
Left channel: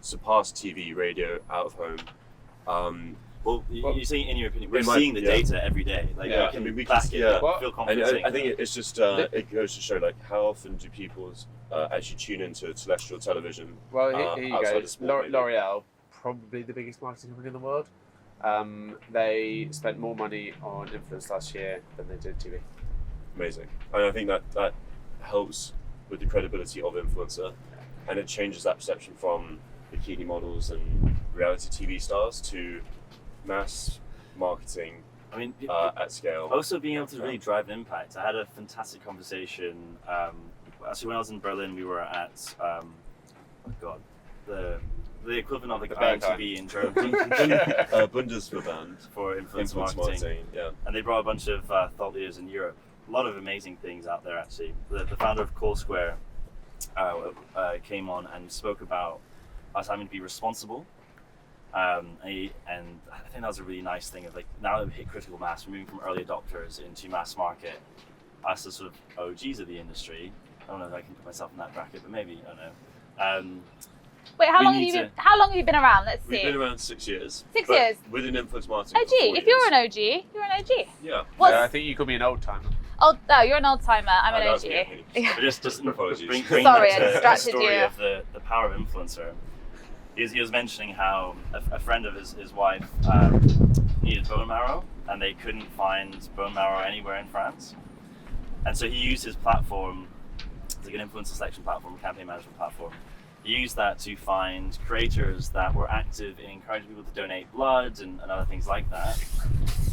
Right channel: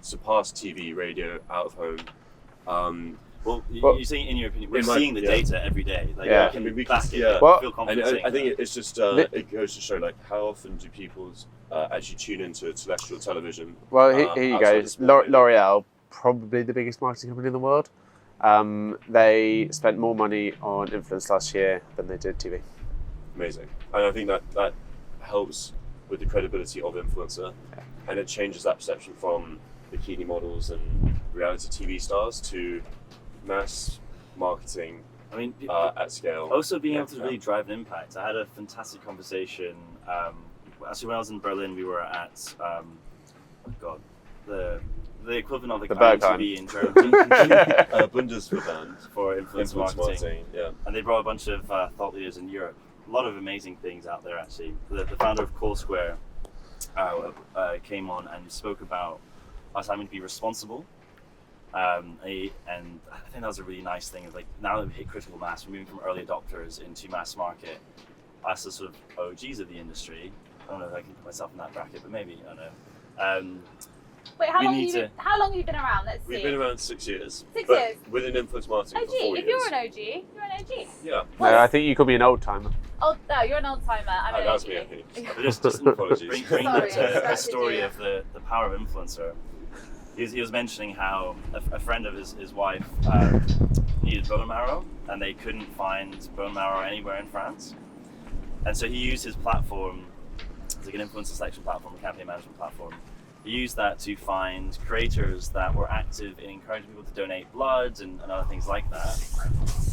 surpass TV, radio, out of home. Well, Well, you're saying in your opinion, we're in my- seeing the yeah. data every day. Like, Yeah. can I mean, we back can- it yeah. up, Well, feel And confident I saying think that. it's just, it goes to show, like, how often do people actually tune into terrestrial television? Well, here you outside go. of sport, maybe? L'Oreal, probably the biggest marketing company in the world. They spent more money on influence last year than they did TV. Amazing. And I think that helps with the credibility of influencer, and it changes that perception from bikini models and reality TV stars to mass marketing I mean, at scale. also being able to really drive an impact. I had a fantastic conversation. Actually, when I was in Berlin, we were at the equivalent of like The IMTV in Germany Bundesverband for influence influence marketing. marketing. Yeah. And they brought a bunch of thought leaders in Europe. A lot of amazing things out there, actually. The founder of Core Square came on and spoke about us having to be responsible. And I think that was a really nice thing of like, now that we've hit critical mass, we're moving from early adopters into mass market. Us as sort of OGs of the industry. I don't know if I can put myself in that bracket, but maybe, I don't know. Wait, how we long, need how long have you been around? Let's see. We've been around 6 years. 6 but years? Within influence marketing OG. for 4 If years. you're an OG, you're an OG. Yeah. What's- I think you could be an old timer. Oh, no, you're an old timer. I'm an that OG. was me, I think. But just Apologies. bring Sorry, that I to the distracted story you. of the power of influencer. He was mentioning how a friend of his wife needed bone marrow, and they couldn't find bone marrow anywhere in France. And so he used his platform, it's like an influencer selection platform, a campaign management platform. He used that to find creators that were active in encouraging people to donate blood and other things like that.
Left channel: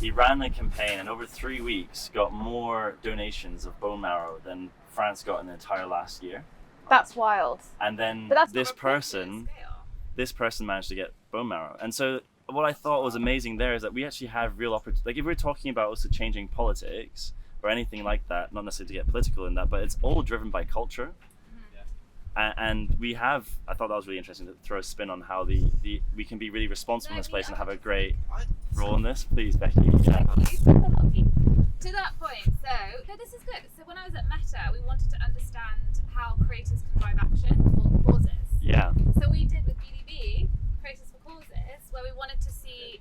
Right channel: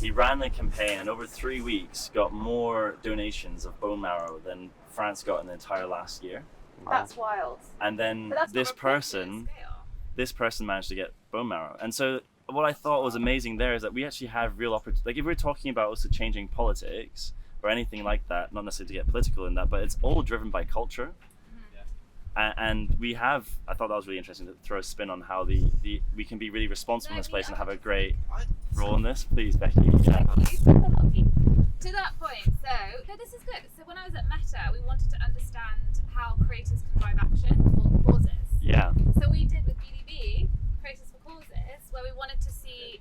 He ran a campaign and over 3 weeks got more donations of bone marrow than France got in the entire last year. That's wild. And then But that's this not reported at person scale. this person managed to get bone marrow. And so what I thought was amazing there is that we actually have real opportunity. Like if we're talking about also changing politics or anything like that, not necessarily to get political in that, but it's all driven by culture. And we have, I thought that was really interesting to throw a spin on how we can be really responsible in this place and have a great role in this. Please, Becky. Yeah. To that point, no, this is good. So when I was at Meta, we wanted to understand how creators can drive action for causes. Yeah. So we did with BDB, Creators for Causes, where we wanted to see,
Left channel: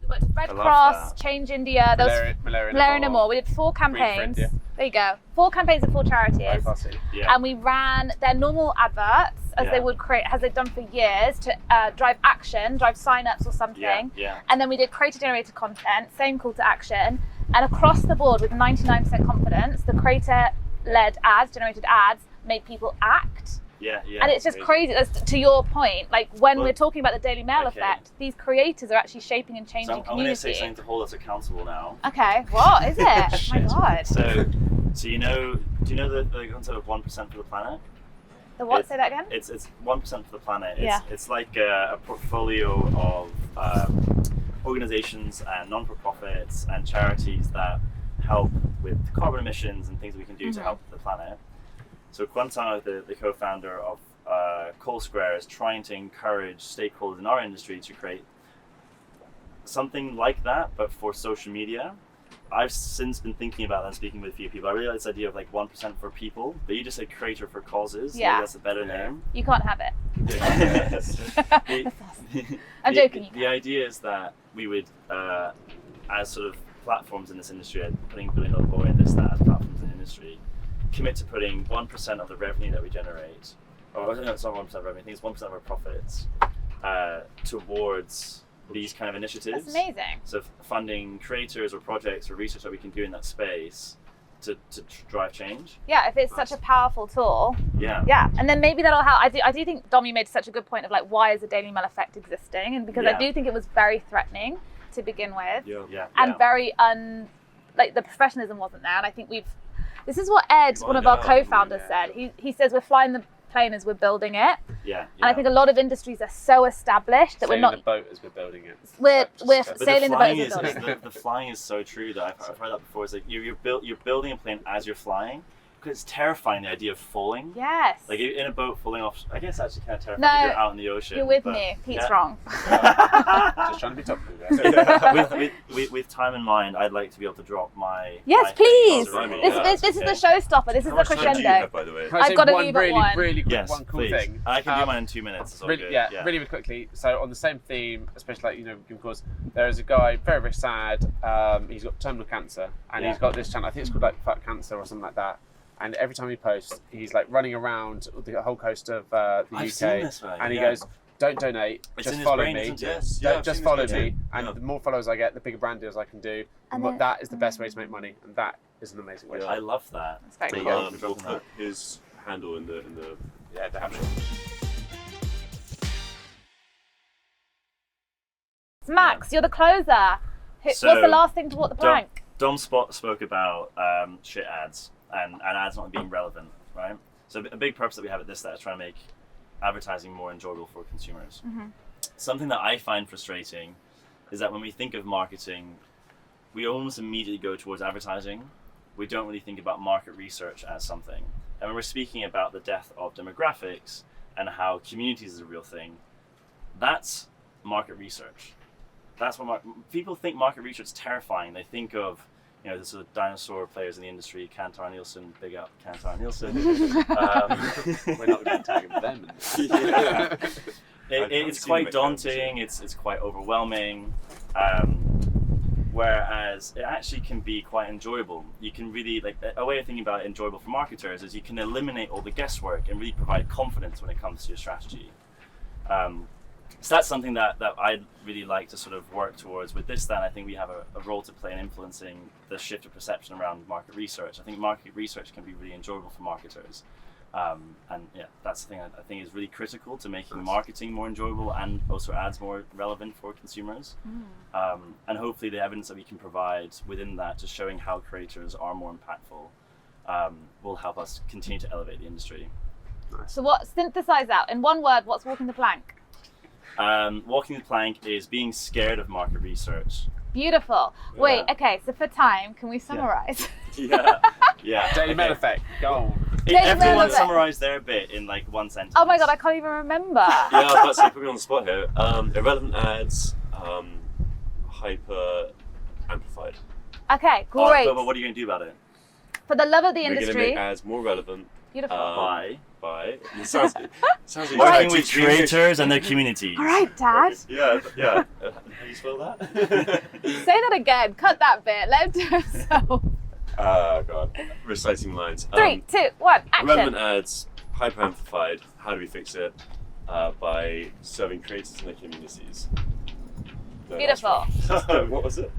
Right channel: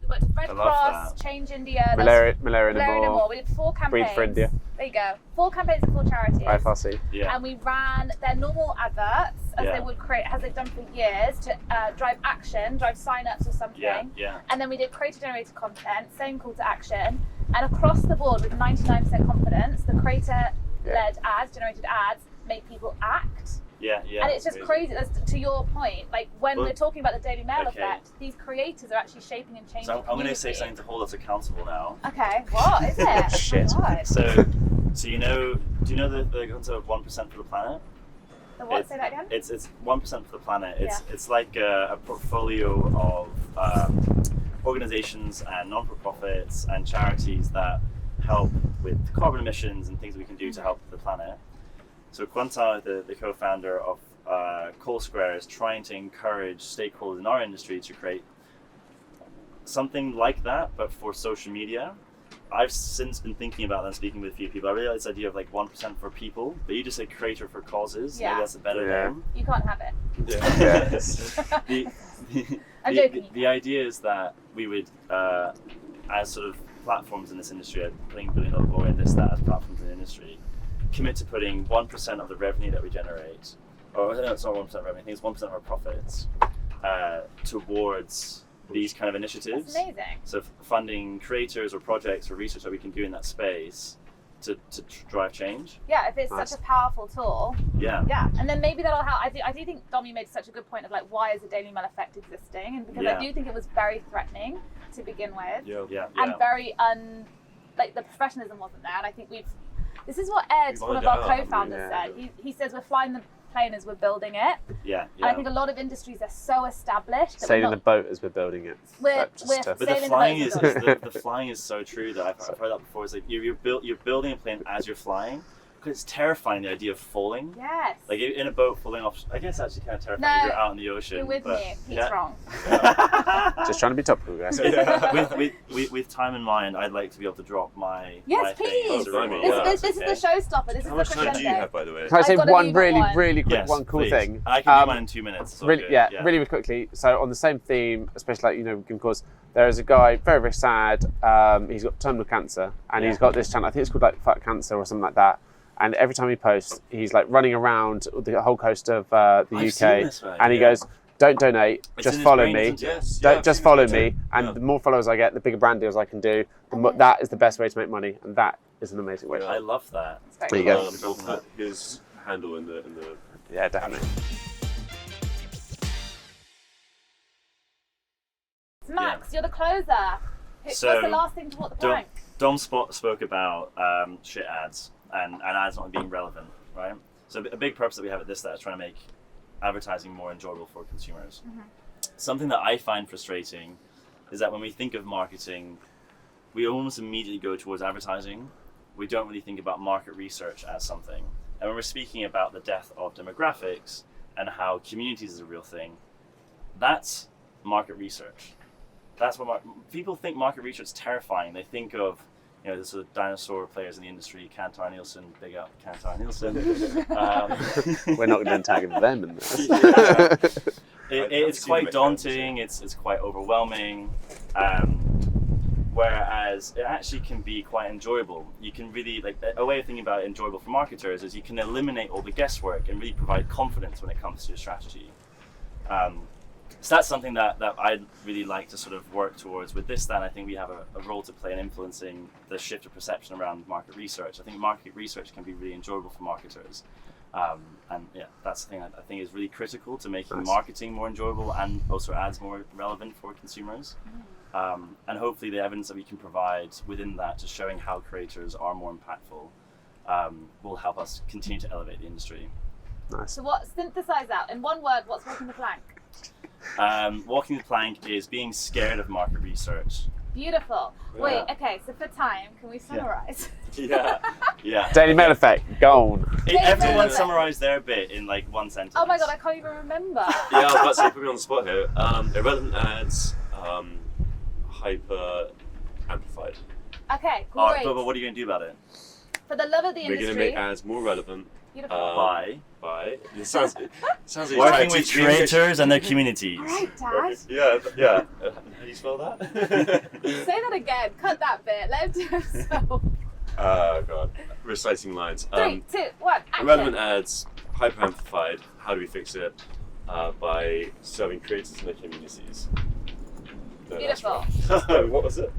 we worked with Red Cross, Change India, Malaria More. We did 4 campaigns. For India. There you go. 4 campaigns of 4 charities. Very fussy. Yeah. And we ran their normal adverts as they would create, as they've done for years, to drive action, drive sign-ups or something. Yeah. And then we did creator-generated content, same call to action, and across the board with 99% confidence, the creator-led ads, generated ads, made people act. Yeah. And it's just crazy. That's, to your point, like when we're talking about the Daily Mail effect, these creators are actually shaping and changing. So I'm going to say something to hold us accountable now. Okay, what is it? Shit. Oh my God. So do you know the concept of 1% for the planet? The what? Say that again. It's 1% for the planet. It's like a portfolio of organizations and non-for-profits and charities that help with carbon emissions and things that we can do to help the planet. So Quentin, the co-founder of Coal Square, is trying to encourage stakeholders in our industry to create something like that, but for social media. I've since been thinking about that and speaking with a few people. I really like this idea of like 1% for people, but you just said creator for causes. Yeah. Maybe that's a better name. You can't have it. I'm joking. The idea is that we would, as sort of platforms in this industry, putting $1 billion or in this, that as platforms in the industry, commit to putting 1% of the revenue that we generate, or no, it's not 1% of revenue, I think it's 1% of our profits, towards these kind of initiatives. That's amazing. So funding creators or projects or research that we can do in that space to drive change. Yeah, if it's such a powerful tool. Yeah. Yeah, and then maybe that'll help. I do think, Dom, you made such a good point of like, why is the Daily Mail effect existing? And because I do think it was very threatening to begin with. And very like the professionalism wasn't there. And I think this is what Ed, one of our co-founders, said. He says we're flying the plane as we're building it. And I think a lot of industries are so established that sailing we're not the boat as we're building it. We're sailing the boat as we're building it. The flying is so true that I've heard that before. It's like you're building a plane as you're flying. Because it's terrifying, the idea of falling. Yes. Like in a boat falling off. I guess actually kind of terrifying if you're out in the ocean. You're with me. Pete's wrong. Just trying to be topical, guys. with time in mind, I'd like to be able to drop my. Yes, my please. This is the showstopper. This is the crescendo. How much time do you have, by the way? Can I say I've got one one. really quick, yes, one cool please. thing? I can do mine in 2 minutes. It's all really, good. really quickly. So on the same theme, especially because there is a guy very, very sad. He's got terminal cancer, and he's got this channel. I think it's called like Fuck Cancer or something like that. And every time he posts, he's like running around the whole coast of the UK, and he goes, "Don't donate, just follow me. Just follow me, and the more followers I get, the bigger brand deals I can do. And that is the best way to make money, and that is an amazing way. I love that. There you go. We'll put his handle in the Yeah, definitely. Max, you're the closer. What's the last thing to walk the plank? Dom spoke about shit ads and ads not being relevant, right? So a big purpose that we have at ThisThat's is trying to make advertising more enjoyable for consumers. Something that I find frustrating is that when we think of marketing, we almost immediately go towards advertising. We don't really think about market research as something. And when we're speaking about the death of demographics and how communities is a real thing, that's market research. That's what people think market research is terrifying. They think of, the sort of dinosaur players in the industry, Kantar Nielsen, big up Kantar Nielsen. We're not going to tag them. It's quite daunting. It's quite overwhelming. Whereas it actually can be quite enjoyable. You can really, a way of thinking about it enjoyable for marketers is you can eliminate all the guesswork and really provide confidence when it comes to your strategy. So that's something that I'd really like to sort of work towards with ThisThat's. I think we have a role to play in influencing the shift of perception around market research. I think market research can be really enjoyable for marketers. That's the thing I think is really critical to making marketing more enjoyable and also ads more relevant for consumers. And hopefully the evidence that we can provide within that, just showing how creators are more impactful, will help us continue to elevate the industry. Nice. So synthesize out in one word, what's walking the plank? Walking the plank is being scared of market research. Beautiful. Yeah. Wait, okay, so for time, can we summarize? Yeah. Daily Mail effect, go on. Everyone Mail. summarized their bit in like one sentence. Oh my god, I can't even remember. Yeah, I was about to say, put me on the spot here. Irrelevant ads, hyper amplified. Okay, Oh, great. but what are you going to do about it? For the love of the We're going to industry. make ads more relevant. Beautiful. By It sounds like you're working trying with to teach creators and their communities. All right, Dad. Yeah. How do you spell that? Say that again. Cut that bit. Let him do it himself. Oh god, reciting lines. 3, 2, 1, action. Irrelevant ads, hyper amplified. How do we fix it? By serving creators and their communities. No, that's Beautiful. wrong. What was it?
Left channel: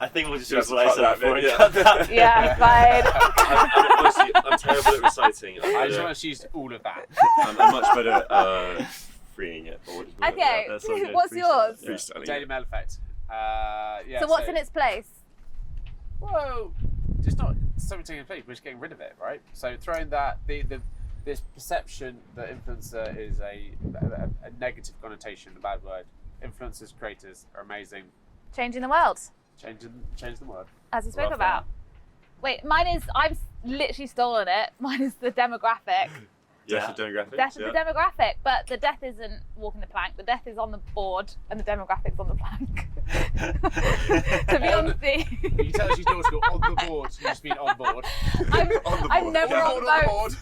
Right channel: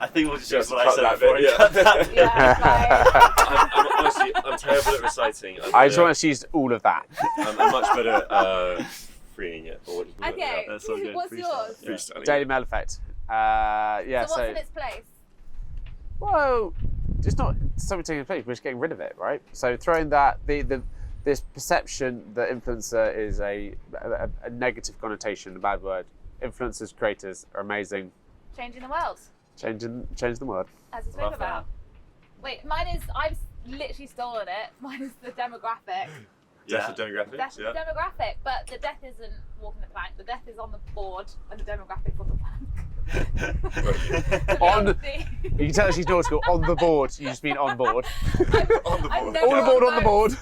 I think we'll just Yeah, use so what I cut said that before bit, and yeah. cut that. Yeah, Honestly, I'm terrible at reciting. I just want to use all of that. I'm much better at freeing it. Or what do you call it? Okay, That's so good. what's Freestyle. yours? Yeah. Freestyling Daily it. Mail effect. Yeah. So what's in its place? Whoa, it's not something taking place. We're just getting rid of it, right? So throwing that this perception that influencer is a negative connotation, a bad word. Influencers, creators are amazing. Changing the world, Change the word. as we spoke Love about. Wait, mine is, I've literally stolen it. Mine is the demographic. Death of demographics. Death is the demographic, but the death isn't walking the plank. The death is on the board, and the demographic's on the plank. To be On- honest, You can tell she's nautical. On the board. You just mean on board. I'm never On the board.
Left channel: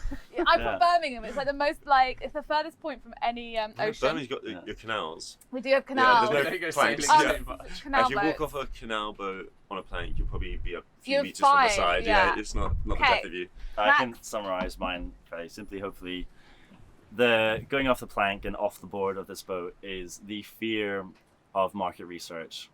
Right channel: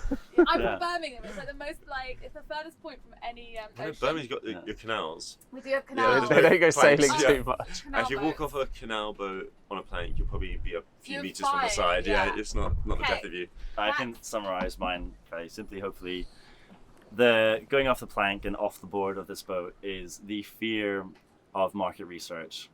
I'm Yeah. from Birmingham. It's like the most it's the furthest point from any ocean. Birmingham's got your canals. We do have Yeah, canals. there's no They go planks. sailing Yeah. too much. Canal If you walk boats. off a canal boat on a plank, you'll probably be a few You're meters from the fine, side. yeah. It's not the Okay. death of you. I can summarize mine very simply, hopefully. The going off the plank and off the board of this boat is the fear of market research.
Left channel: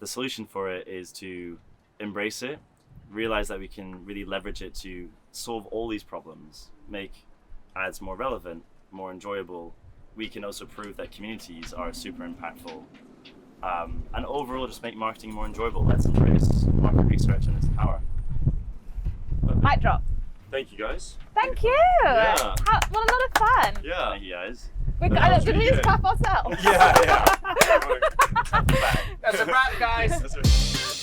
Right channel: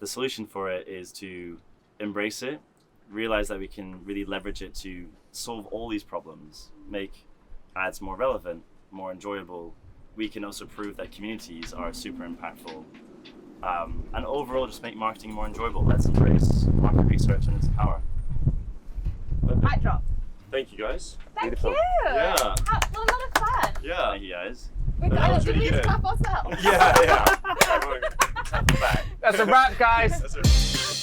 The solution for it is to embrace it, realize that we can really leverage it to solve all these problems, make ads more relevant, more enjoyable. We can also prove that communities are super impactful. And overall just make marketing more enjoyable. Let's embrace market research and its power. Mic drop. Thank you guys. Thank you. Yeah. What a lot of fun. Yeah. Thank you guys. Did we just clap ourselves? Yeah. That's a wrap, guys. That's it.